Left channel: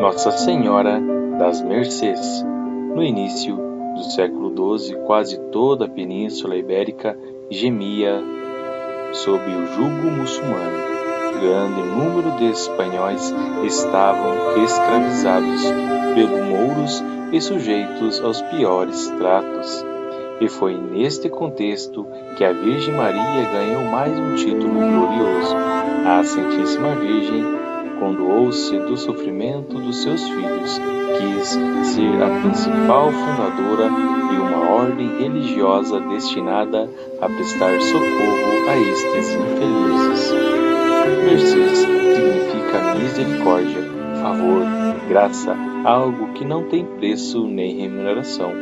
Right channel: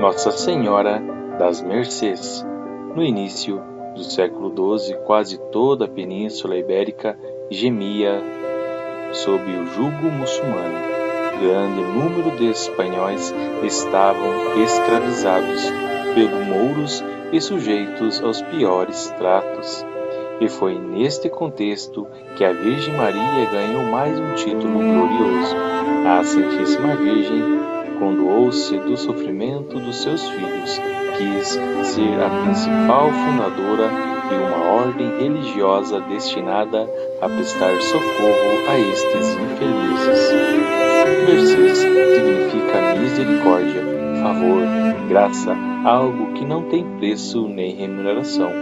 Nossa Senhora das Mercês. No início do século XII, quase toda a Península Ibérica gemia sob o jugo muçulmano. Grande número de espanhóis estavam escravizados pelos mouros e sujeitos aos piores tratos. E foi neste contexto que a Virgem Maria ganhou mais um título glorioso. A Santíssima Virgem condoou-se do sofrimento dos seus filhos, quis ser a principal fundadora de uma ordem religiosa destinada a prestar socorro a estes infelizes. Mercês significa misericórdia, favor, graça, algo que não tem preço nem remuneração.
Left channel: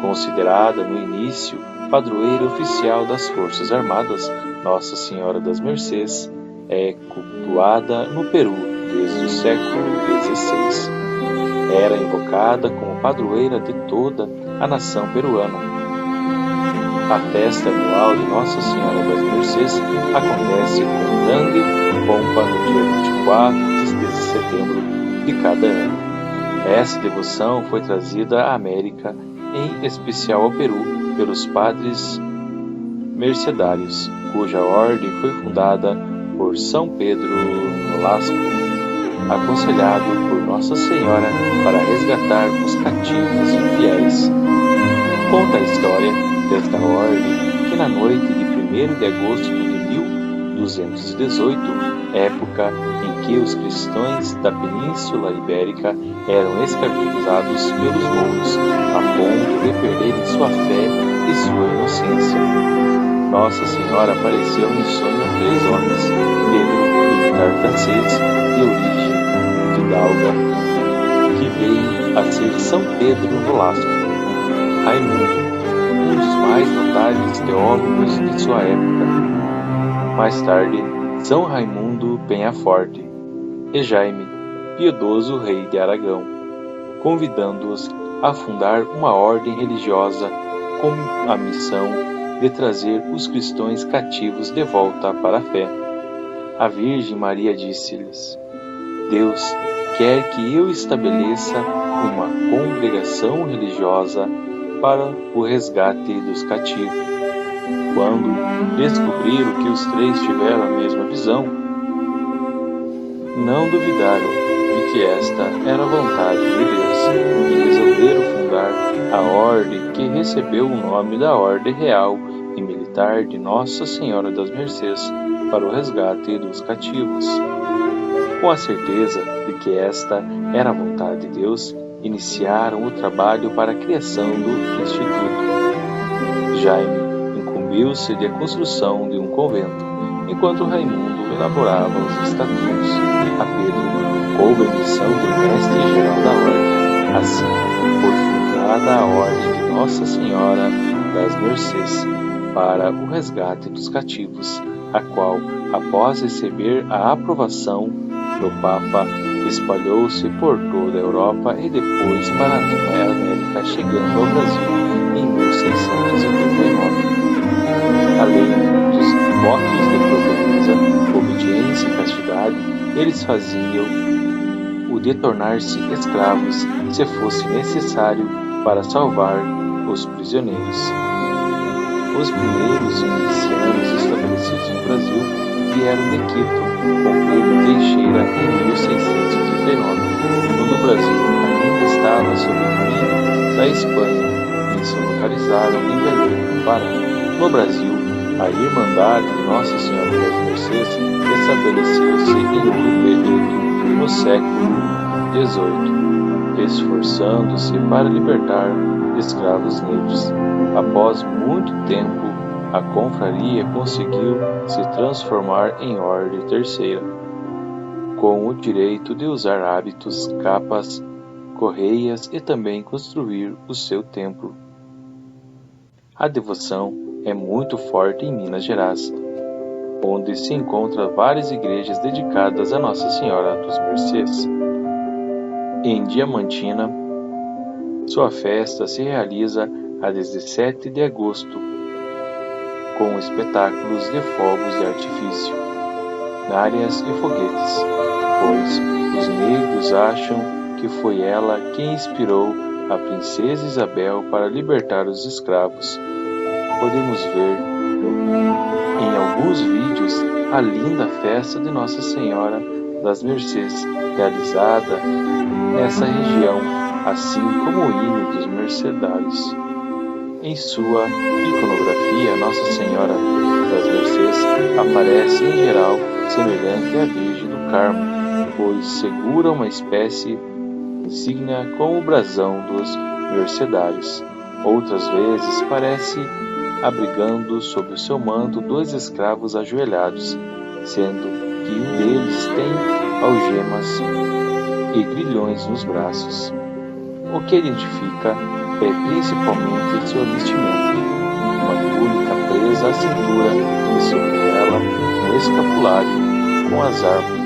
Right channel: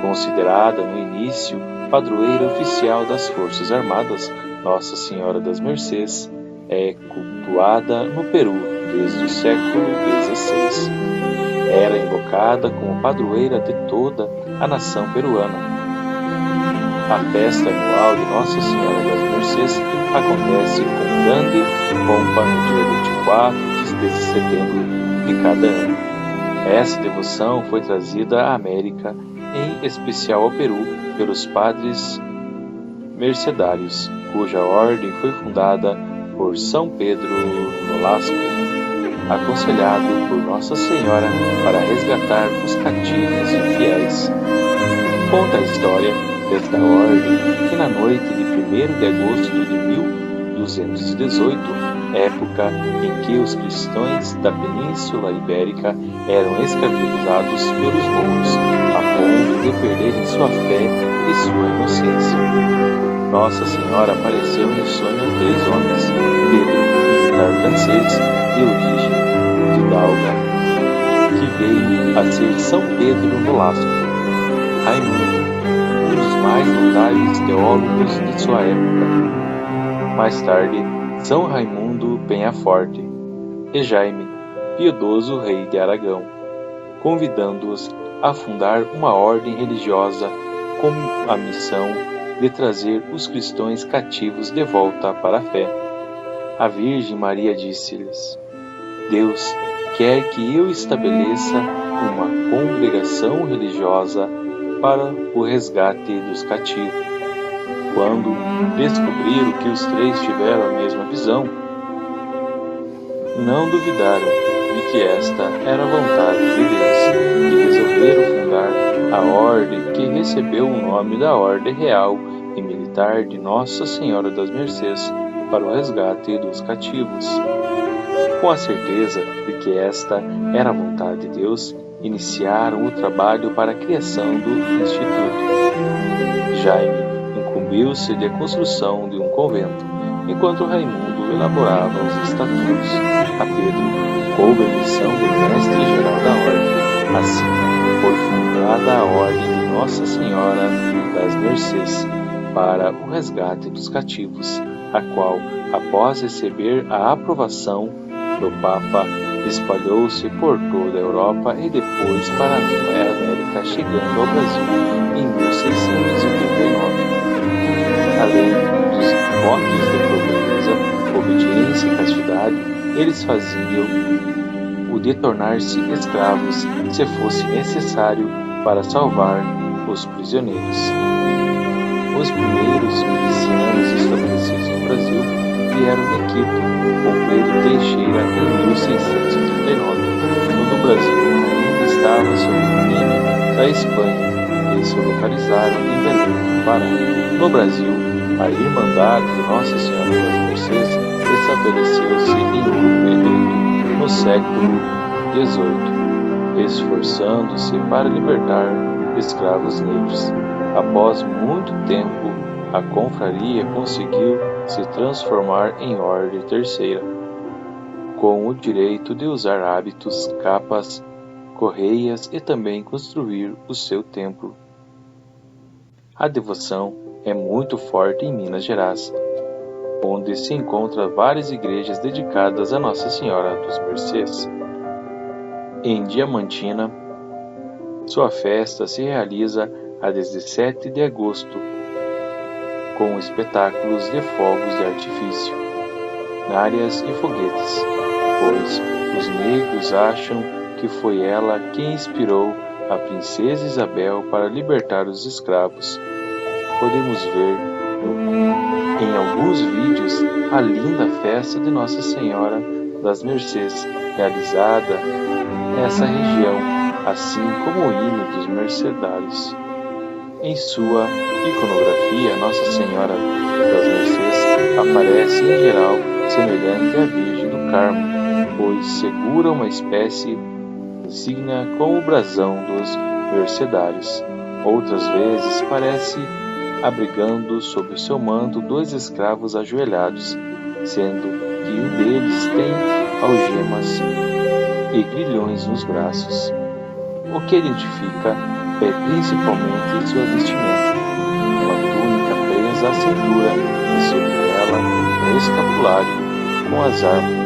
Considerada no início padroeira oficial das Forças Armadas, Nossa Senhora das Mercês é cultuada no Peru desde o século XVI. Era invocada como padroeira de toda a nação peruana. A festa anual de Nossa Senhora das Mercês acontece com grande pompa no dia 24 de setembro de cada ano. Essa devoção foi trazida à América, em especial ao Peru, pelos padres mercedários, cuja ordem foi fundada por São Pedro Nolasco, aconselhado por Nossa Senhora para resgatar os cativos infiéis. Conta a história desta ordem que na noite de 1º de agosto de 1218, época em que os cristãos da Península Ibérica eram escravizados pelos mouros, a ponto de perderem sua fé e sua inocência. Nossa Senhora apareceu em sonho a 3 homens: Pedro, militar francês de origem fidalga, que veio a ser São Pedro Nolasco; Raimundo, um dos mais notáveis teólogos de sua época; mais tarde, São Raimundo Penhaforte; e Jaime, piedoso rei de Aragão, convidando-os a fundar uma ordem religiosa com a missão de trazer os cristãos cativos de volta para a fé. A Virgem Maria disse-lhes: Deus quer que eu estabeleça uma congregação religiosa para o resgate dos cativos. Quando descobriram que os 3 tiveram a mesma visão, não duvidaram de que esta era a vontade de Deus e resolveram fundar a ordem que recebeu o nome da Ordem Real e Militar de Nossa Senhora das Mercês para o resgate dos cativos. Com a certeza de que esta era a vontade de Deus, iniciaram o trabalho para a criação do Instituto. Jaime incumbiu-se da construção de um convento, enquanto Raimundo elaborava os estatutos. A Pedro coube a missão de mestre-geral da ordem. Assim, foi fundada a Ordem de Nossa Senhora das Mercês para o resgate dos cativos, a qual, após receber a aprovação do Papa, espalhou-se por toda a Europa e depois para a América, chegando ao Brasil em 1689. Além dos votos de pobreza, obediência e castidade, eles faziam o de tornar-se escravos, se fosse necessário, para salvar os prisioneiros. Os primeiros milicianos estabelecidos no Brasil vieram de Quito, com Pedro Teixeira em 1639, quando o Brasil ainda estava sob domínio da Espanha. Eles se localizaram em Belém, no Pará. No Brasil, a Irmandade de Nossa Senhora das Mercês estabeleceu-se em Ouro Preto no século XVIII, esforçando-se para libertar escravos negros. Após muito tempo, a confraria conseguiu se transformar em ordem terceira, com o direito de usar hábitos, capas, correias e também construir o seu templo. A devoção é muito forte em Minas Gerais, onde se encontram várias igrejas dedicadas a Nossa Senhora dos Mercês. Em Diamantina, sua festa se realiza a 17 de agosto, com espetáculos de fogos de artifício, nárias e foguetes, pois os negros acham que foi ela quem inspirou a princesa Isabel para libertar os escravos. Podemos ver em alguns vídeos a linda festa de Nossa Senhora das Mercês, realizada nessa região, assim como o hino dos mercedários. Em sua iconografia, Nossa Senhora das Mercês aparece em geral semelhante à Virgem do Carmo, pois segura uma espécie de insígnia com o brasão dos mercedários. Outras vezes parece abrigando sob o seu manto 2 escravos ajoelhados, sendo que um deles tem algemas e grilhões nos braços. O que identifica é principalmente sua vestimenta, uma túnica presa à cintura e sobre ela um escapulário com as armas